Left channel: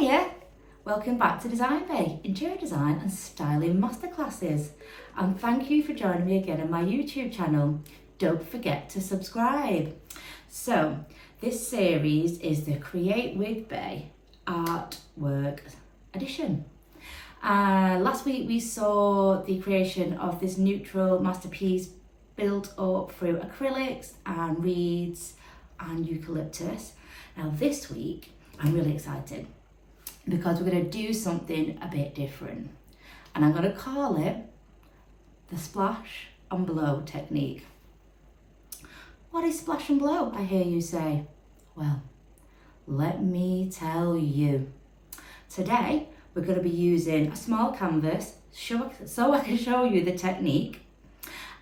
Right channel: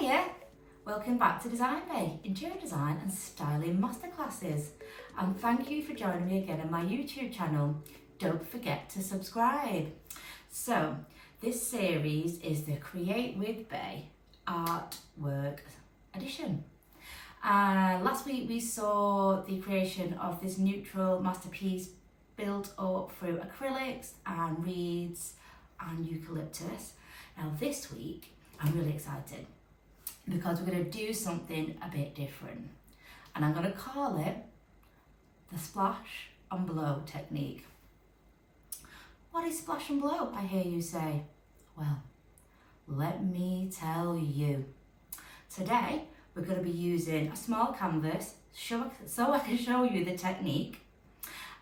Hiya! Welcome back to DesignBeau, Interior Design and Styling Masterclasses. And thank you for joining me again on my YouTube channel. Don't forget to subscribe. So, this series is the Create with Beau Artwork Edition. Last week we saw the creation of this neutral masterpiece built up through acrylics and reeds and eucalyptus. Now this week I'm really excited because we're going to do something a bit different, and I'm going to call it the splash and blow technique. What is splash and blow, I hear you say? Well, let me tell you. Today we're going to be using a small canvas so I can show you the technique,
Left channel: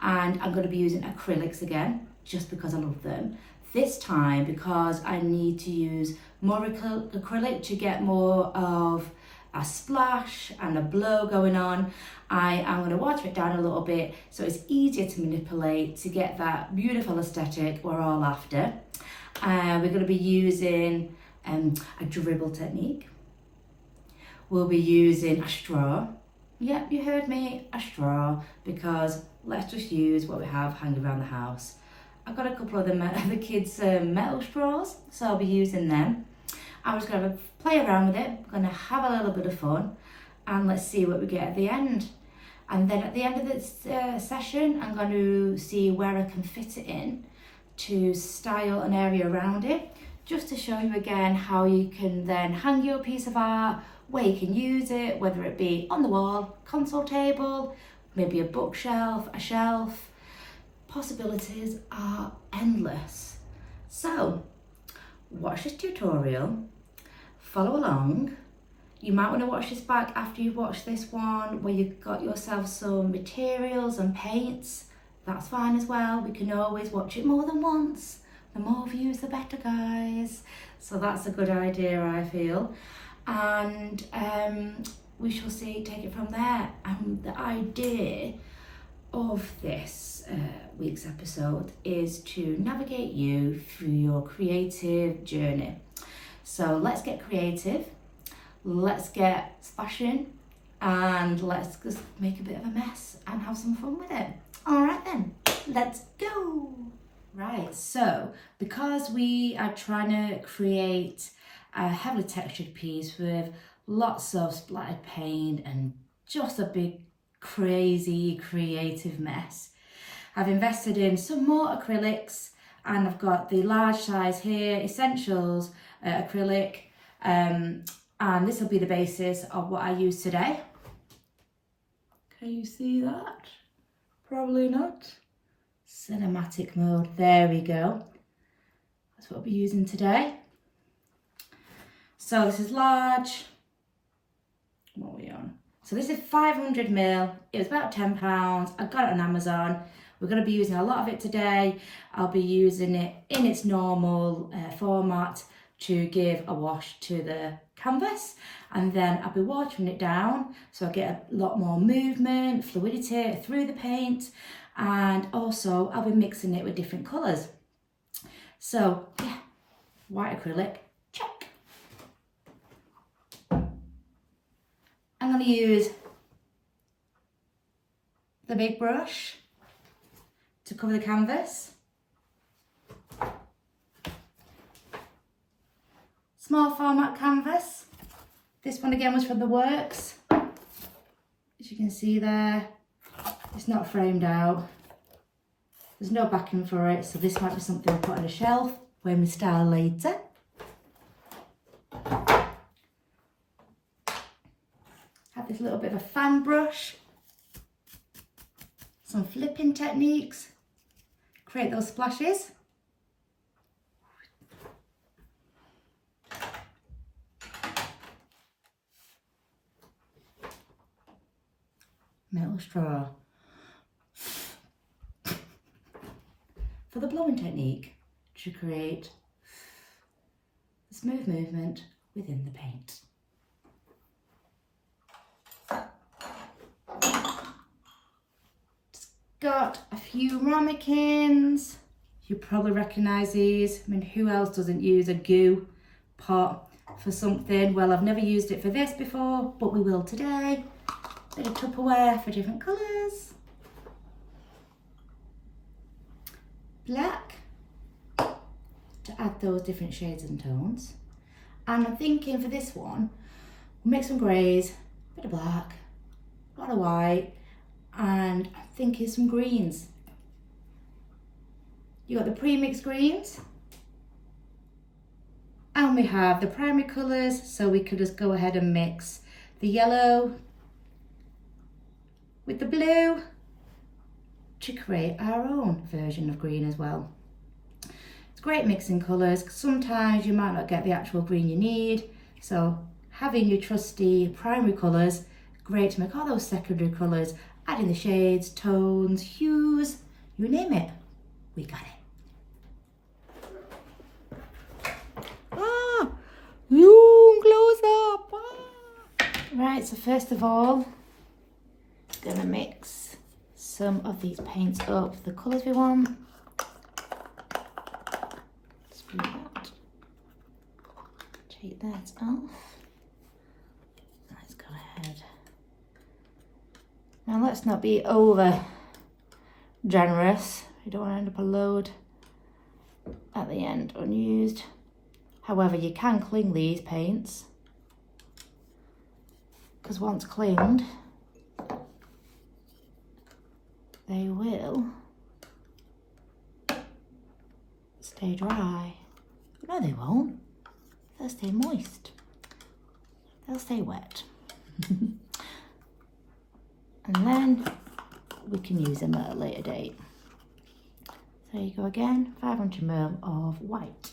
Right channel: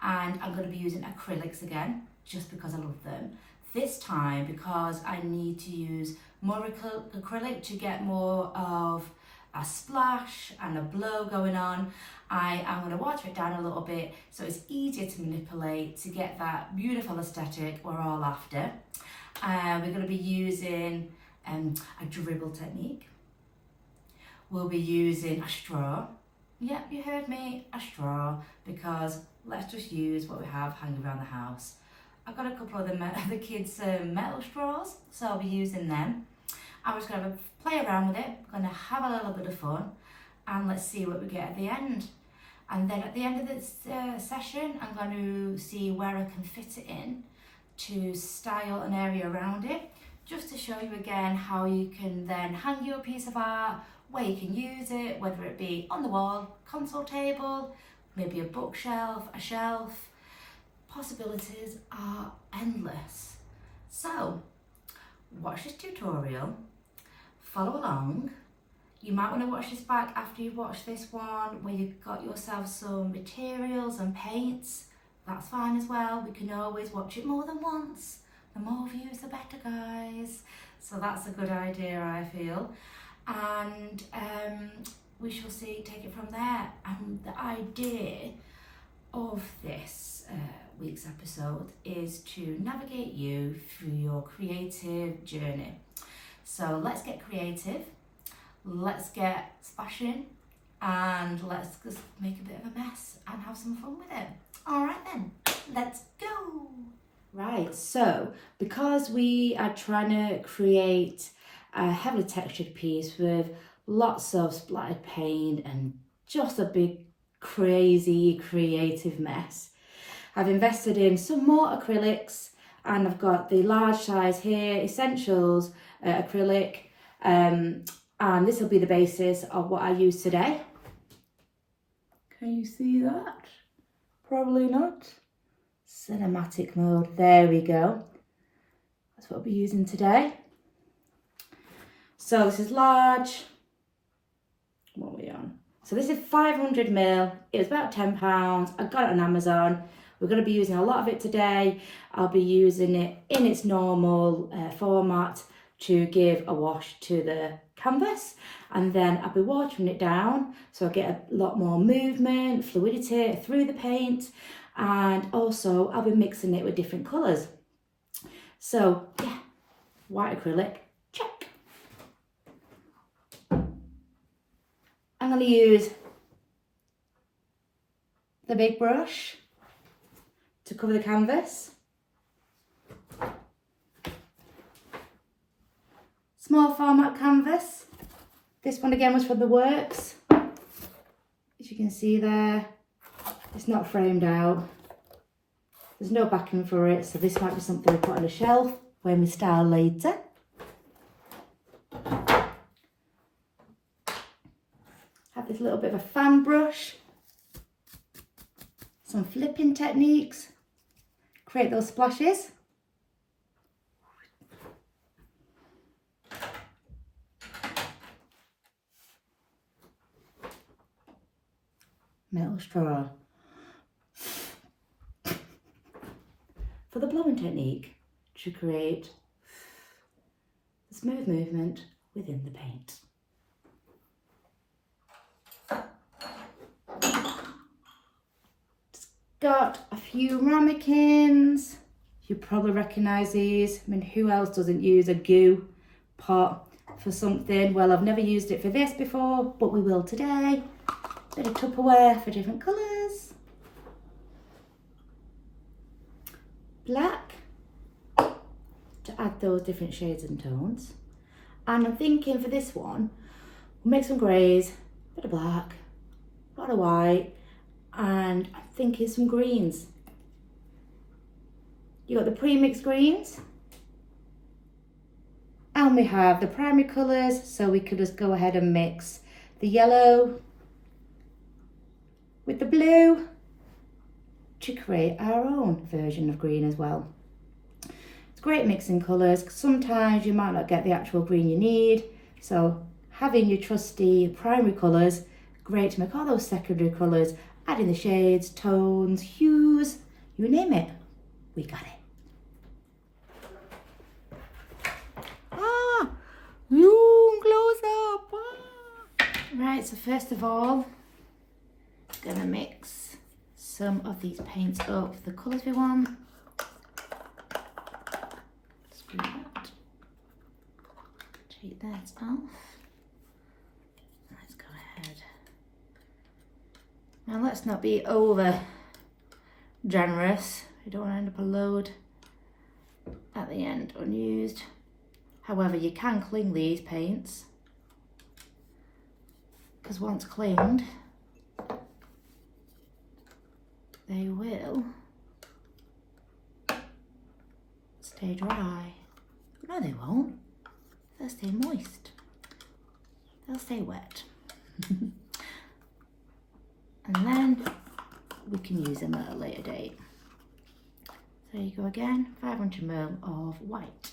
and I'm going to be using acrylics again just because I love them. This time because I need to use more acrylic to get more of a splash and a blow going on. I am going to water it down a little bit so it's easier to manipulate to get that beautiful aesthetic we're all after. We're going to be using a dribble technique. We'll be using a straw. Yep, you heard me, a straw, because let's just use what we have hanging around the house. I've got a couple of the kids' metal straws, so I'll be using them. I'm just going to play around with it. We're going to have a little bit of fun, and let's see what we get at the end. And then at the end of this session, I'm going to see where I can fit it in to style an area around it, just to show you again how you can then hang your piece of art, where you can use it, whether it be on the wall, console table, maybe a bookshelf, a shelf. Possibilities are endless. So, watch this tutorial, follow along. You might want to watch this back after you watch this one where you've got yourself some materials and paints. That's fine as well. We can always watch it more than once. The more views, the better, guys. So that's a good idea, I feel. And we shall see, take it from there. And the idea of this week's episode is to navigate you through your creative journey. So let's get creative, let's get splashing, and let's just make a bit of a mess and have some fun with it. All right then, let's go. Right, so because we are trying to create a heavily textured piece with lots of splattered paint and just a big crazy creative mess, I've invested in some more acrylics, and I've got the large size here, Essentials acrylic, and this will be the basis of what I use today. Can you see that? Probably not. Cinematic mode, there we go. That's what I'll be using today. So this is large. What are we on? So this is 500ml, it was about £10, I got it on Amazon. We're going to be using a lot of it today. I'll be using it in its normal format to give a wash to the canvas, and then I'll be watering it down so I get a lot more movement, fluidity through the paint, and also I'll be mixing it with different colours. So yeah, white acrylic, check. I'm going to use the big brush to cover the canvas. Small format canvas. This one again was from the works. As you can see there, it's not framed out. There's no backing for it, so this might be something we put on a shelf when we style later. Have this little bit of a fan brush. Some flipping techniques. Create those splashes. Metal straw. For the blowing technique, to create a smooth movement within the paint. Got a few ramekins. You probably recognise these. I mean, who else doesn't use a goo pot for something. Well, I've never used it for this before, but we will today. Bit of Tupperware for different colours. Black to add those different shades and tones. And I'm thinking for this one, we'll make some greys, bit of black, a lot of white, and I'm thinking some greens. You got the pre-mixed greens, and we have the primary colours, so we could just go ahead and mix the yellow with the blue to create our own version of green as well. It's great mixing colours. Sometimes you might not get the actual green you need, so having your trusty primary colours, great to make all those secondary colours, adding the shades, tones, hues, you name it, we got it. Zoom close up. Right, so first of all, gonna mix some of these paints up, the colours we want. Screw that. Take that off. Let's go ahead. Now let's not be over generous. We don't want to end up a load at the end unused. However, you can cling these paints, because once clinged, they will stay dry. No, they won't. They'll stay moist. They'll stay wet. And then we can use them at a later date. So there you go again, 500 ml of white.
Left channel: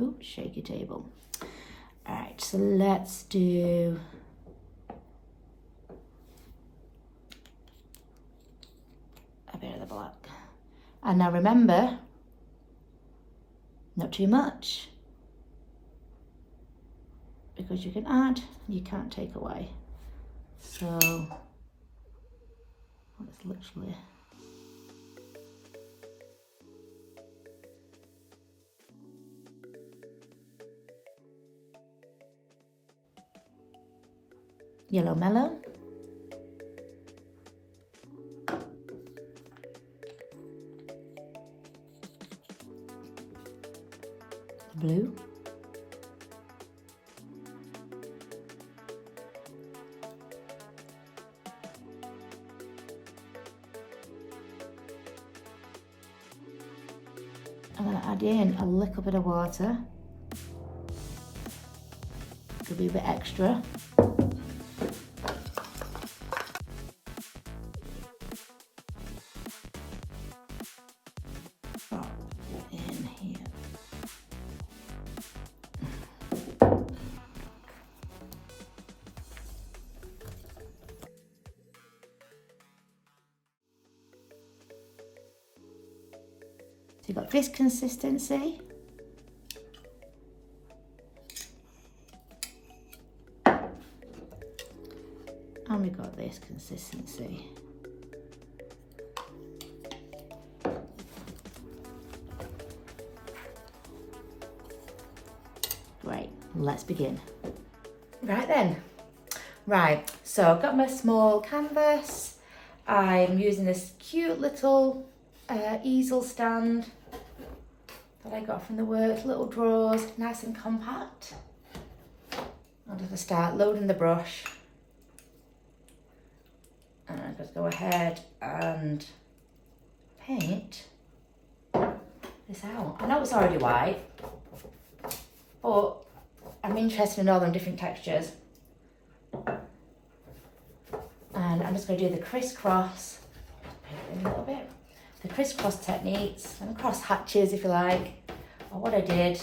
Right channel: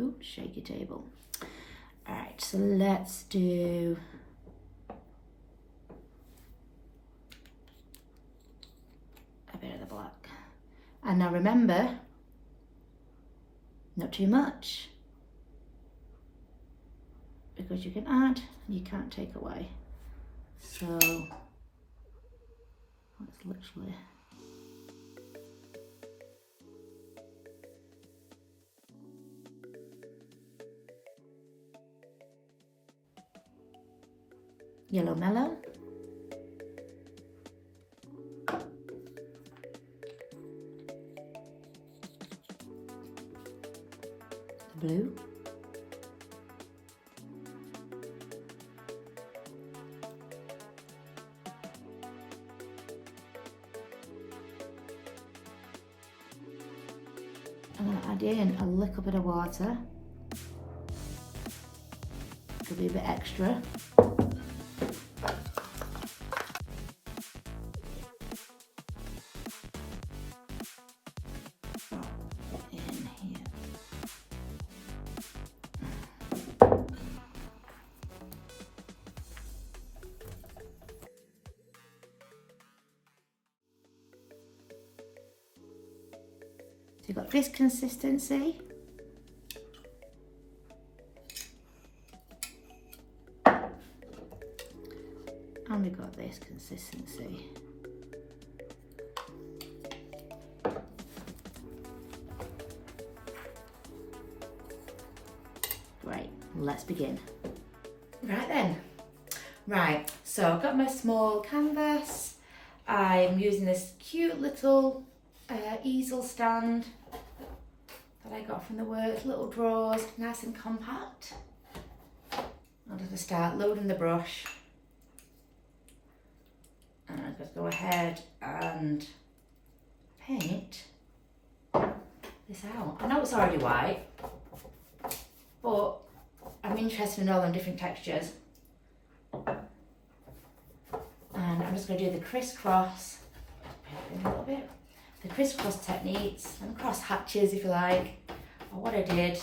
Ooh, shake your table. All right, so let's do a bit of the black. And now remember, not too much, because you can add, you can't take away. So it's literally yellow mellow, blue, I'm going to add in a little bit of water, it'll be a bit extra. So you've got this consistency. And we've got this consistency. Right, let's begin. Right then. Right, so I've got my small canvas. I'm using this cute little easel stand that I got from the work, little drawers, nice and compact. I'm just going to start loading the brush. And I'm going to go ahead and paint this out. I know it's already white, but I'm interested in all them different textures. And I'm just going to do the crisscross, paint it in a little bit. The crisscross techniques and cross hatches, if you like, are what I did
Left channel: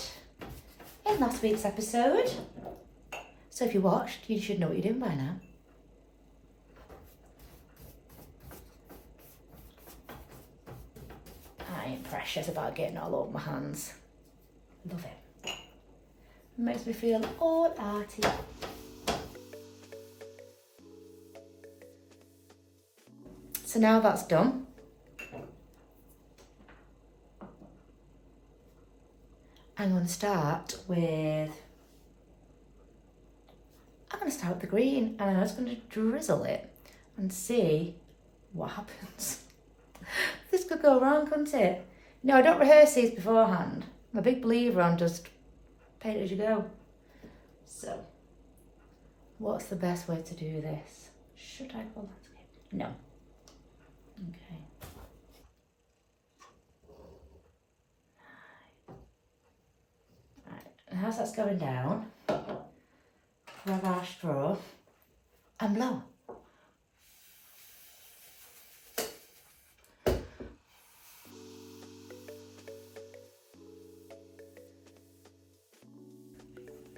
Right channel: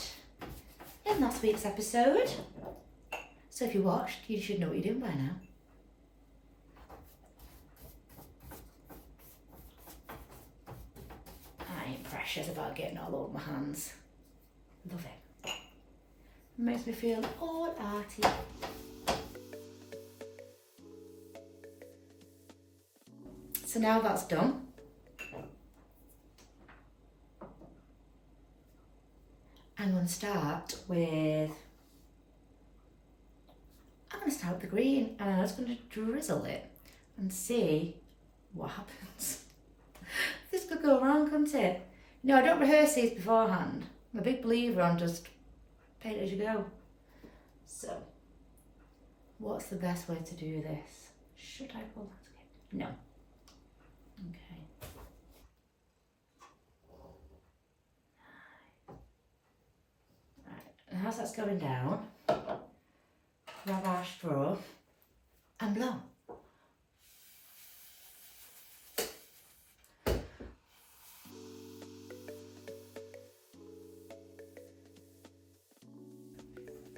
in last week's episode. So if you watched, you should know what you're doing by now. I ain't precious about getting all over my hands. Love it. Makes me feel all arty. So now that's done, I'm going to start with the green, and I'm just going to drizzle it and see what happens. This could go wrong, couldn't it? No, don't rehearse these beforehand. I'm a big believer on just paint as you go. So, what's the best way to do this? Should I go landscape? No. Okay. Right, and as that's going down, grab our straw and blow.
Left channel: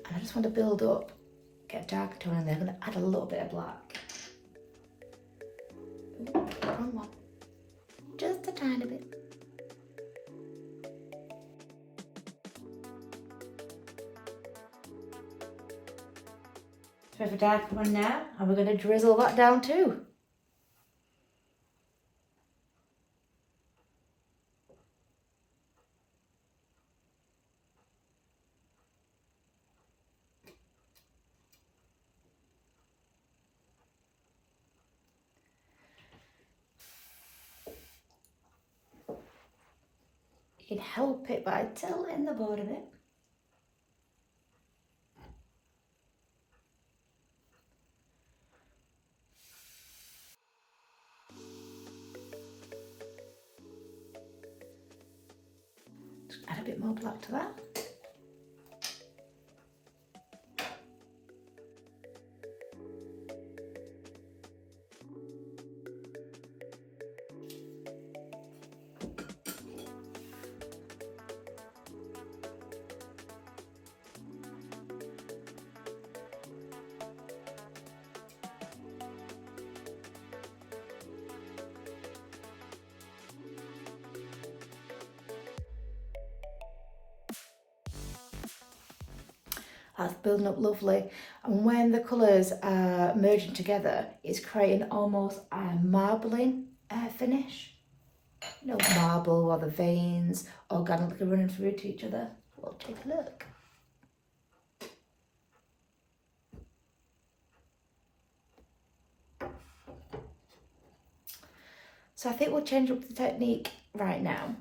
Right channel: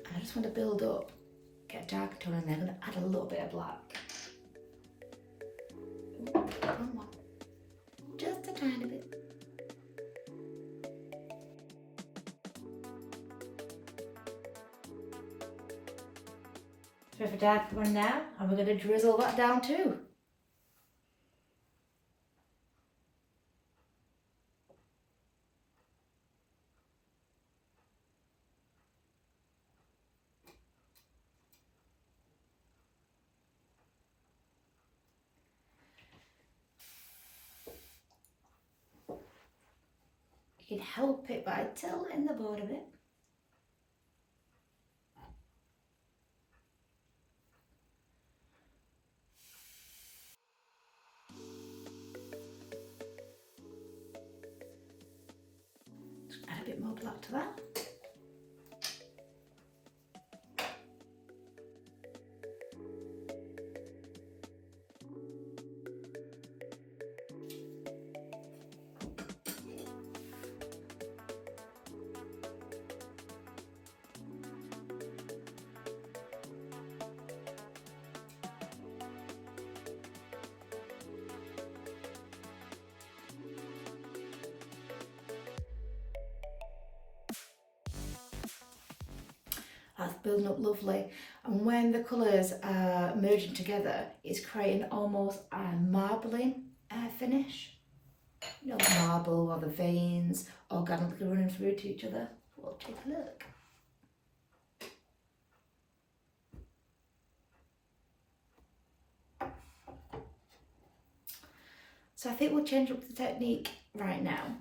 And I just want to build up, get a darker tone, and then I'm going to add a little bit of black. One more. Just a tiny bit. So we have a darker one now, and we're going to drizzle that down too. You can help it by tilting the board a bit. Just add a bit more black to that. That's building up lovely, and when the colours are merging together, it's creating almost a marbling finish. You know, marble or the veins organically running through to each other. We'll take a look. So I think we'll change up the technique right now.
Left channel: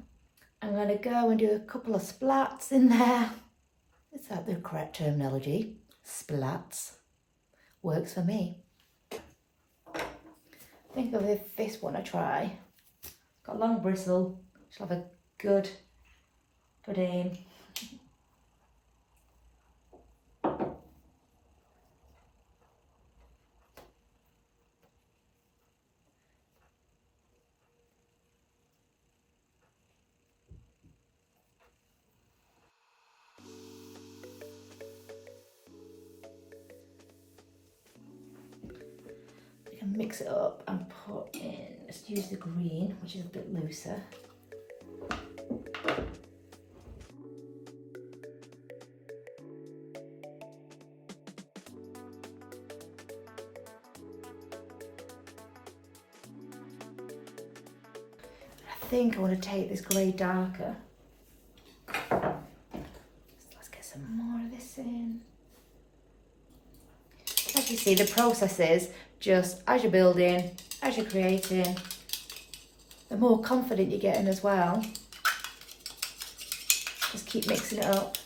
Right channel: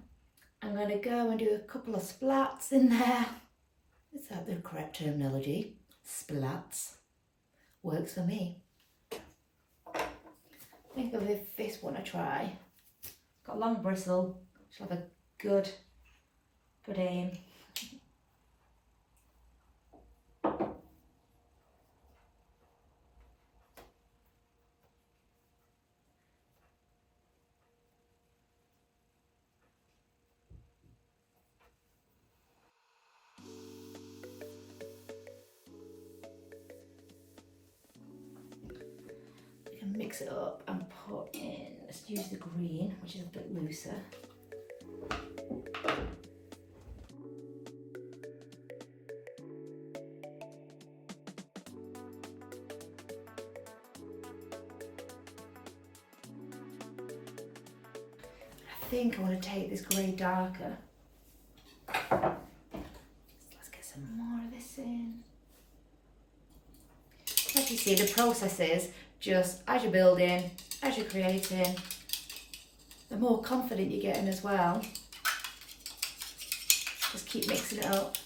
I'm going to go and do a couple of splats in there. Is that the correct terminology? Splats. Works for me. I think I'll give this one a try. Got a long bristle. She'll have a good aim. Mix it up and put in, let's use the green, which is a bit looser. I think I want to take this grey darker. Let's get some more of this in. As you see, the process is just as you're building, as you're creating, the more confident you're getting as well. Just keep mixing it up.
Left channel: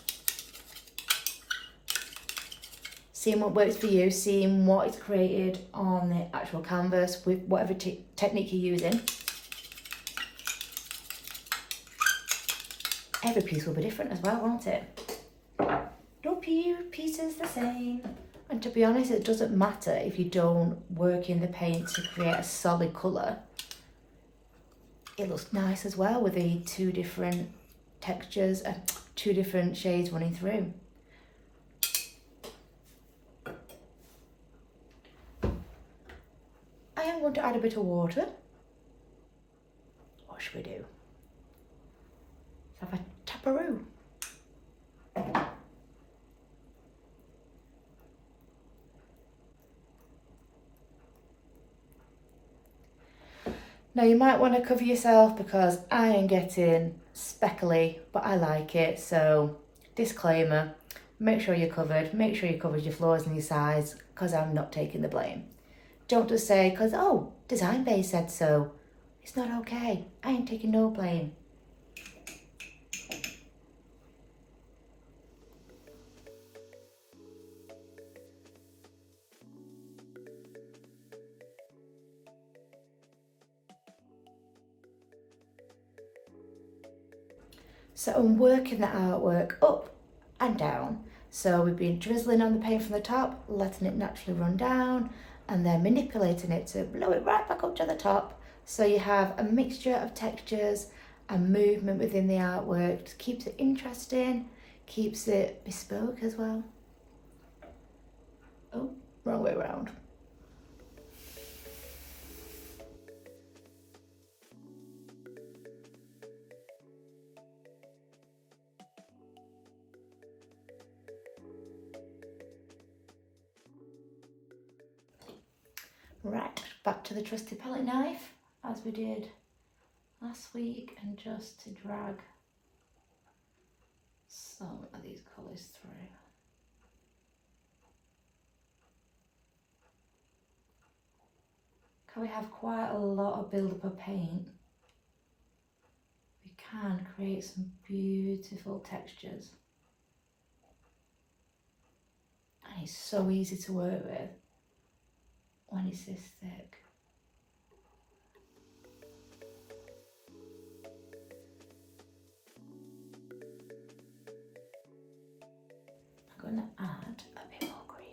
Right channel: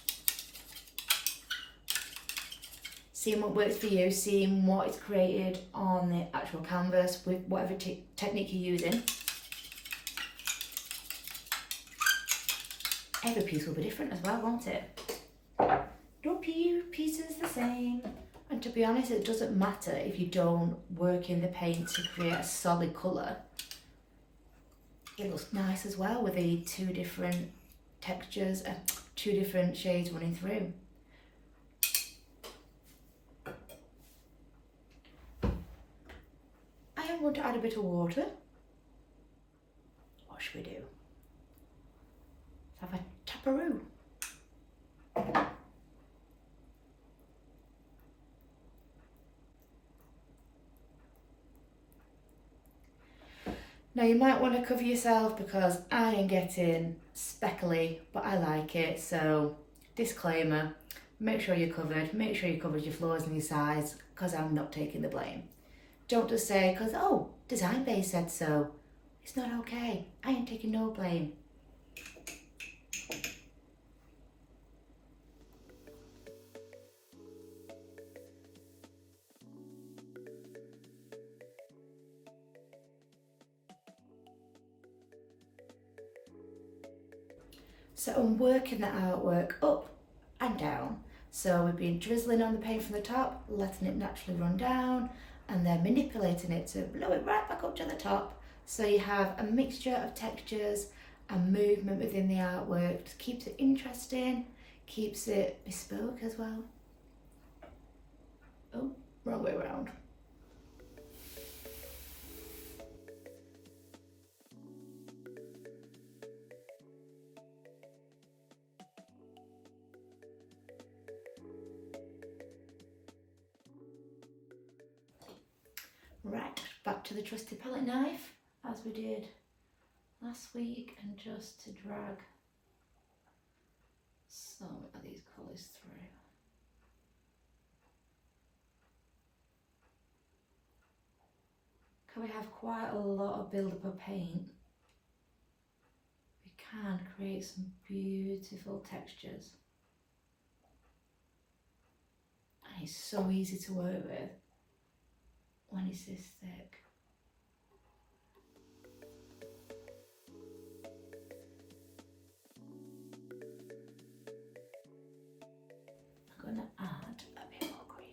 Seeing what works for you, seeing what is created on the actual canvas with whatever technique you're using. Every piece will be different as well, won't it? No piece is the same. And to be honest, it doesn't matter if you don't work in the paint to create a solid colour. It looks nice as well with the two different textures, two different shades running through. I am going to add a bit of water. What should we do? Let's have a taparoo. Now you might want to cover yourself because I am getting speckly, but I like it, so disclaimer, make sure you're covered, make sure you covered your flaws and your sides, because I'm not taking the blame. Don't just say, because, oh, DesignBeau said so. It's not okay. I ain't taking no blame. So I'm working the artwork up and down. So we've been drizzling on the paint from the top, letting it naturally run down, and then manipulating it to blow it right back up to the top. So you have a mixture of textures and movement within the artwork. Just keeps it interesting, keeps it bespoke as well. Oh, wrong way around. Right, back to the trusty palette knife, as we did last week, and just to drag some of these colours through. Can we have quite a lot of build-up of paint? We can create some beautiful textures. And it's so easy to work with when it's this thick. I'm going to add a bit more green.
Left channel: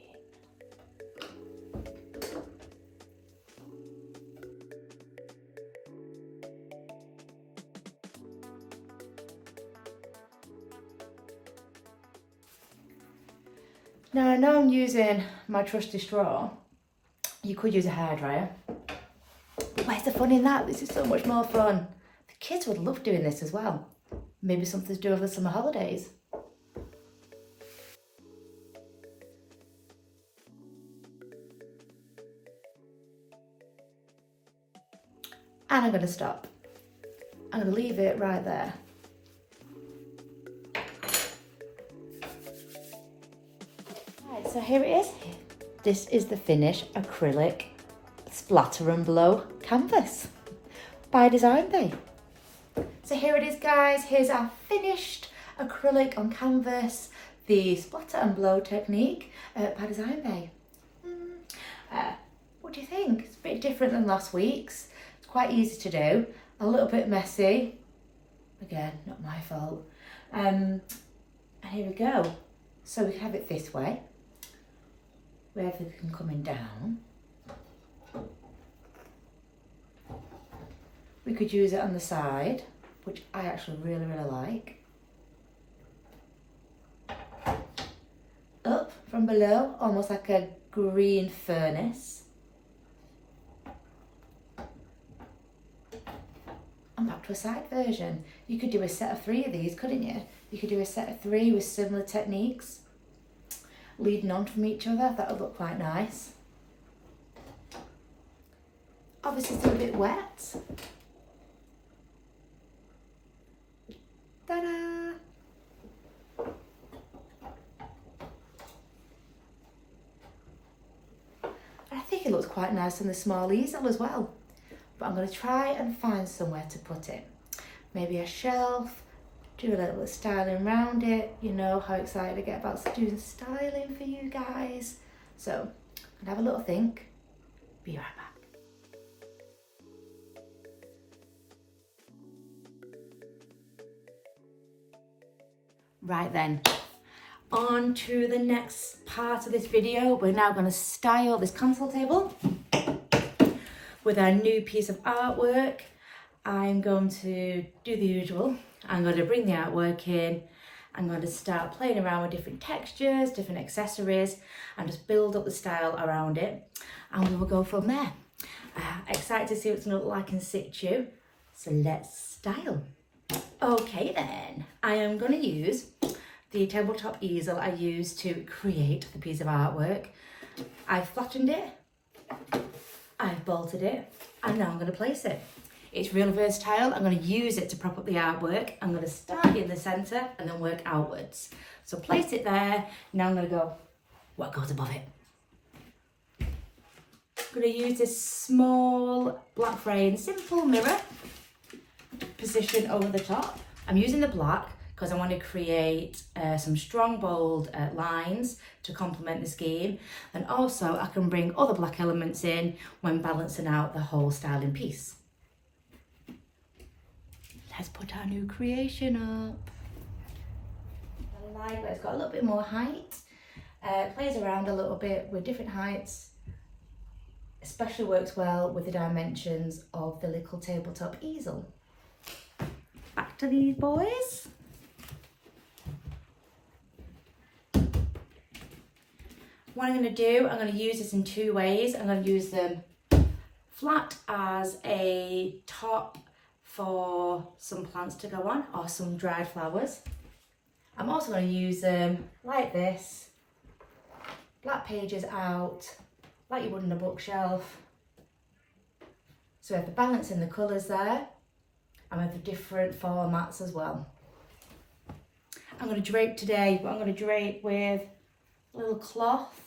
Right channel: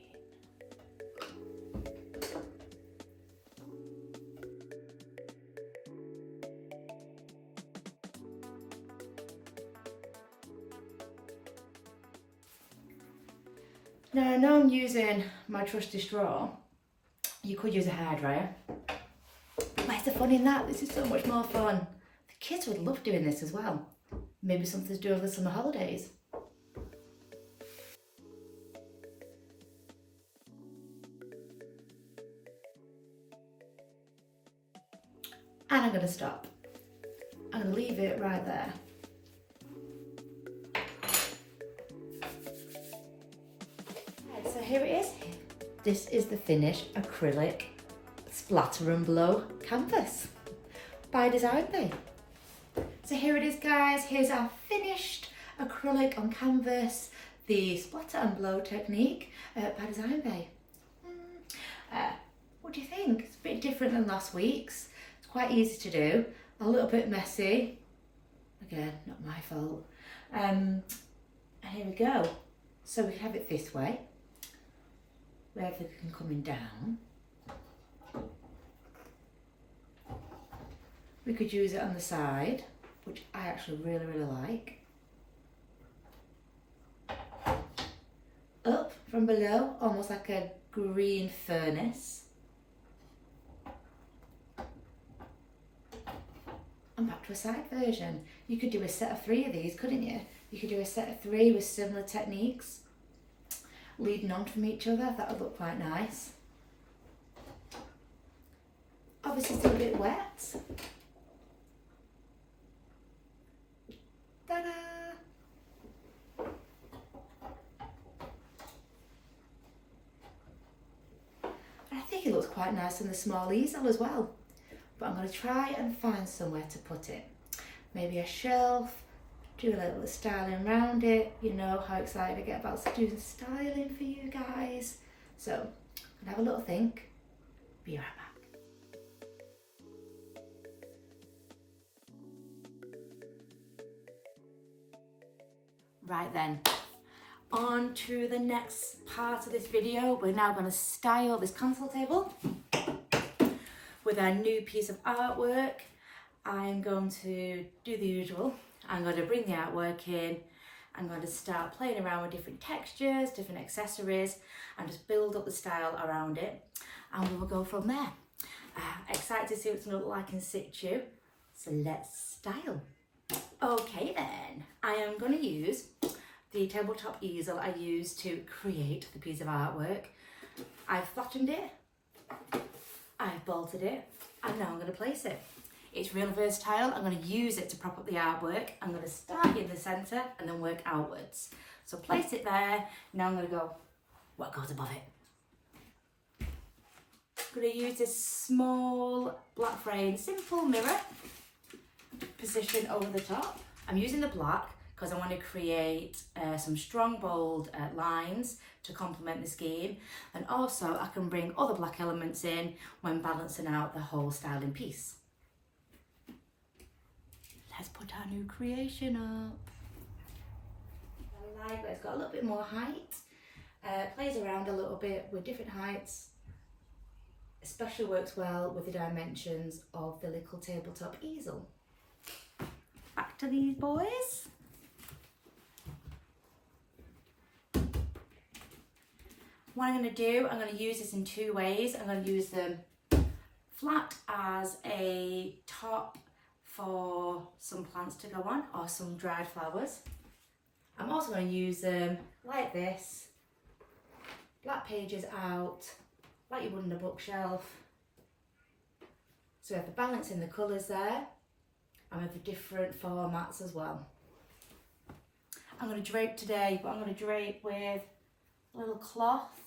Now I know I'm using my trusty straw. You could use a hairdryer. Where's the fun in that? This is so much more fun. The kids would love doing this as well. Maybe something to do over the summer holidays. And I'm going to stop. I'm going to leave it right there. Right, so here it is. This is the finished acrylic Splatter and Blow canvas by DesignBeau. So here it is, guys. Here's our finished acrylic on canvas, the Splatter and Blow technique by DesignBeau. What do you think? It's a bit different than last week's. It's quite easy to do, a little bit messy. Again, not my fault. And here we go. So we can have it this way, where everything coming down. We could use it on the side, which I actually really, really like. Up from below, almost like a green furnace. And back to a side version. You could do a set of 3 of these, couldn't you? You could do a set of 3 with similar techniques, leading on from each other. That would look quite nice. Obviously still a bit wet. Ta-da! I think it looks quite nice on the small easel as well. But I'm going to try and find somewhere to put it. Maybe a shelf, do a little styling around it. You know how excited I get about doing styling for you guys. So I'm going to have a little think. Be right back. Right then, on to the next part of this video. We're now going to style this console table with our new piece of artwork. I'm going to do the usual. I'm going to bring the artwork in. I'm going to start playing around with different textures, different accessories, and just build up the style around it. And we will go from there. Excited to see what it's going to look like in situ. So let's style. Okay then, I am going to use the tabletop easel I used to create the piece of artwork. I've flattened it, I've bolted it, and now I'm going to place it. It's really versatile. I'm going to use it to prop up the artwork. I'm going to start in the centre and then work outwards. So place it there. Now I'm going to go what goes above it. I'm going to use this small black frame, simple mirror, position over the top. I'm using the black because I want to create some strong, bold lines to complement the scheme. And also I can bring other black elements in when balancing out the whole styling piece. Let's put our new creation up. I like that it's got a little bit more height. Plays around a little bit with different heights. Especially works well with the dimensions of the little tabletop easel. Back to these boys. What I'm going to do, I'm going to use this in two ways. I'm going to use them flat as a top for some plants to go on or some dried flowers. I'm also going to use them like this, black pages out, like you would on a bookshelf. So we have the balance in the colours there and with the different formats as well. I'm going to drape today, but I'm going to drape with a little cloth.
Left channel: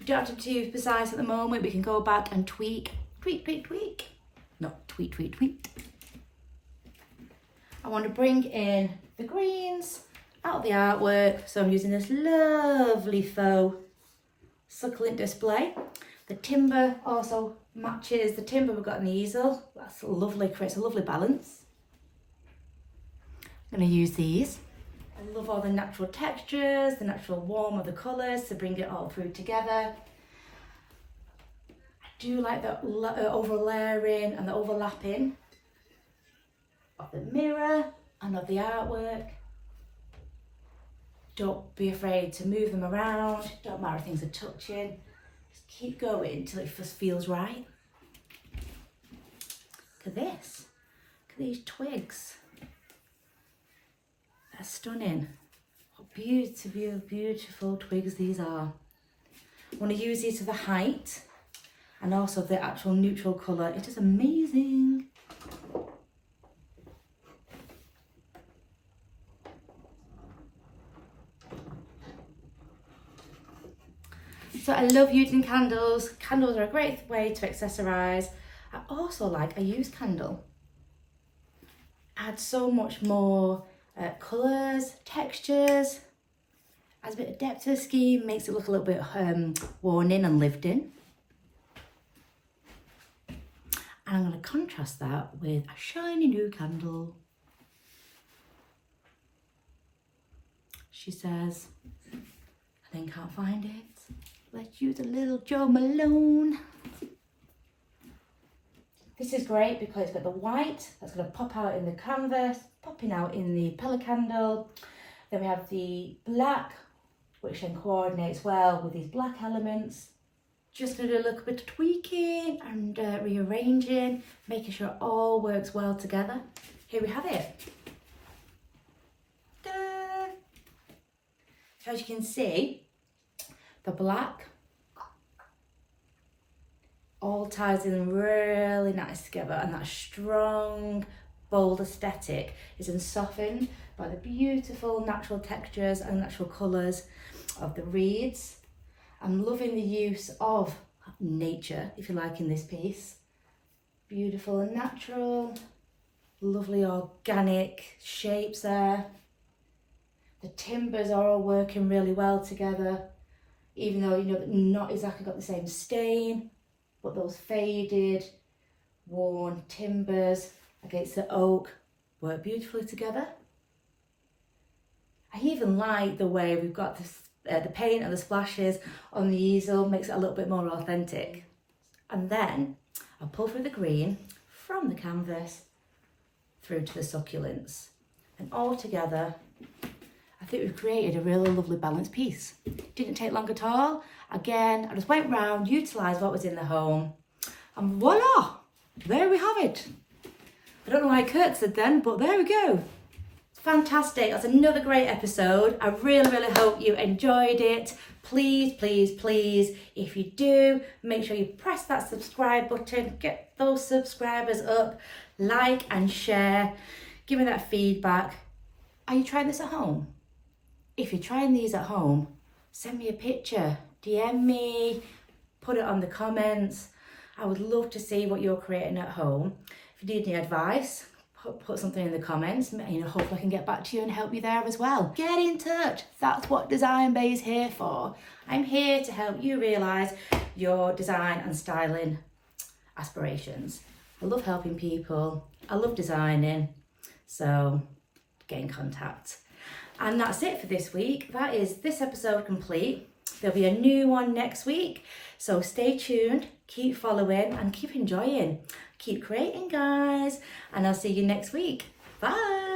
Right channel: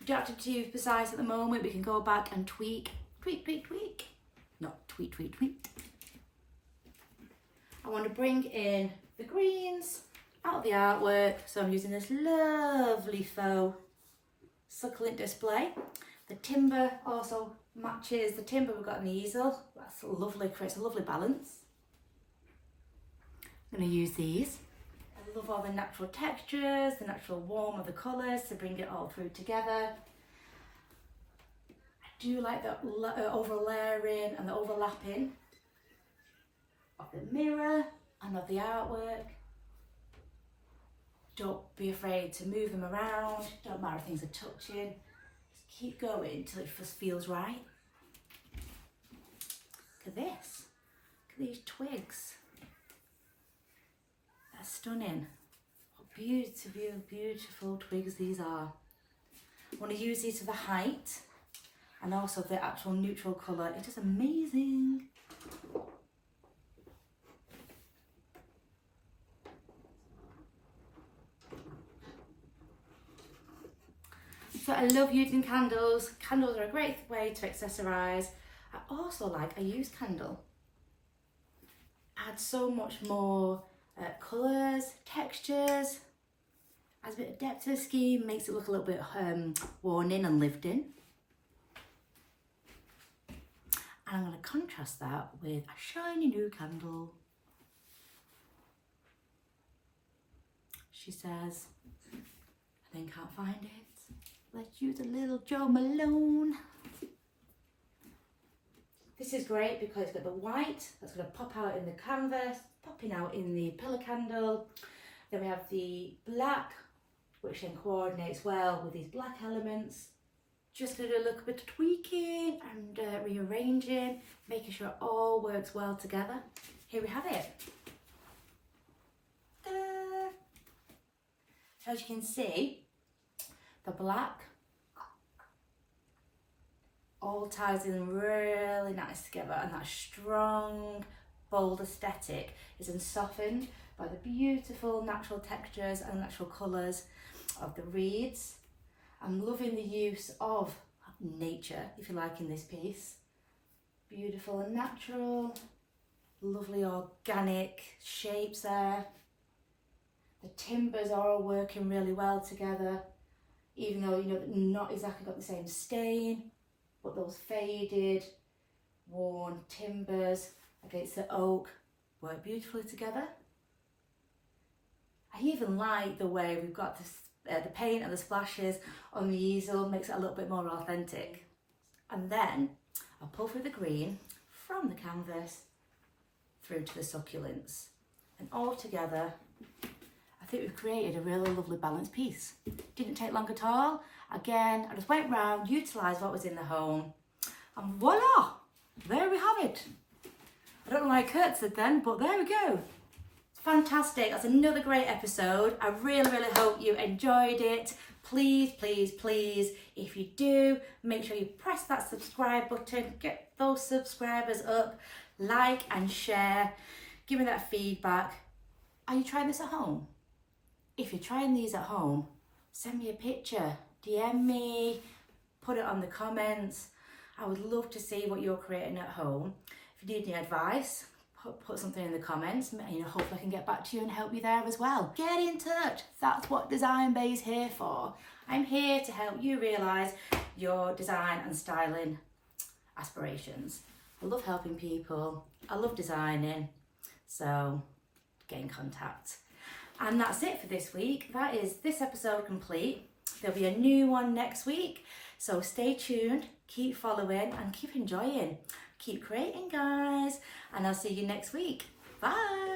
We don't have to be too precise at the moment. We can go back and tweak. Not tweet. I want to bring in the greens out of the artwork. So I'm using this lovely faux succulent display. The timber also matches the timber we've got in the easel. That's lovely, creates a lovely balance. I'm going to use these. I love all the natural textures, the natural warmth of the colours to bring it all through together. I do like the over layering and the overlapping of the mirror and of the artwork. Don't be afraid to move them around. Don't matter if things are touching. Just keep going until it just feels right. Look at this. Look at these twigs. They're stunning. What beautiful twigs these are. I want to use these for the height and also the actual neutral colour. It is amazing. So I love using candles. Candles are a great way to accessorise. I also like a used candle. Adds so much more colours, textures, adds a bit of depth to the scheme, makes it look a little bit worn in and lived in. And I'm going to contrast that with a shiny new candle. She says, I then can't find it. Let's use a little Jo Malone. This is great because it's got the white that's going to pop out in the canvas, popping out in the pellet candle. Then we have the black, which then coordinates well with these black elements. Just going to do a little bit of tweaking and rearranging, making sure it all works well together. Here we have it. Ta-da! So as you can see, the black all ties in really nice together, and that strong, bold aesthetic is then softened by the beautiful natural textures and natural colours of the reeds. I'm loving the use of nature, if you like, in this piece. Beautiful and natural, lovely organic shapes there. The timbers are all working really well together, even though, you know, not exactly got the same stain, but those faded, worn timbers against the oak work beautifully together. I even like the way we've got this, the paint and the splashes on the easel, makes it a little bit more authentic. And then I'll pull through the green from the canvas through to the succulents. And all together, I think we've created a really lovely balanced piece. Didn't take long at all. Again, I just went round, utilised what was in the home, and voila, there we have it. I don't know why I curtsied then, but there we go. Fantastic, that's another great episode. I really hope you enjoyed it. Please, if you do, make sure you press that subscribe button, get those subscribers up, like and share, give me that feedback. Are you trying this at home? If you're trying these at home, send me a picture, DM me, put it on the comments. I would love to see what you're creating at home. If you need any advice, put something in the comments. Hopefully I can get back to you and help you there as well. Get in touch. That's what DesignBeau is here for. I'm here to help you realise your design and styling aspirations. I love helping people. I love designing. So get in contact. And that's it for this week. That is this episode complete. There'll be a new one next week. So stay tuned, keep following and keep enjoying. Keep creating, guys. And I'll see you next week. Bye.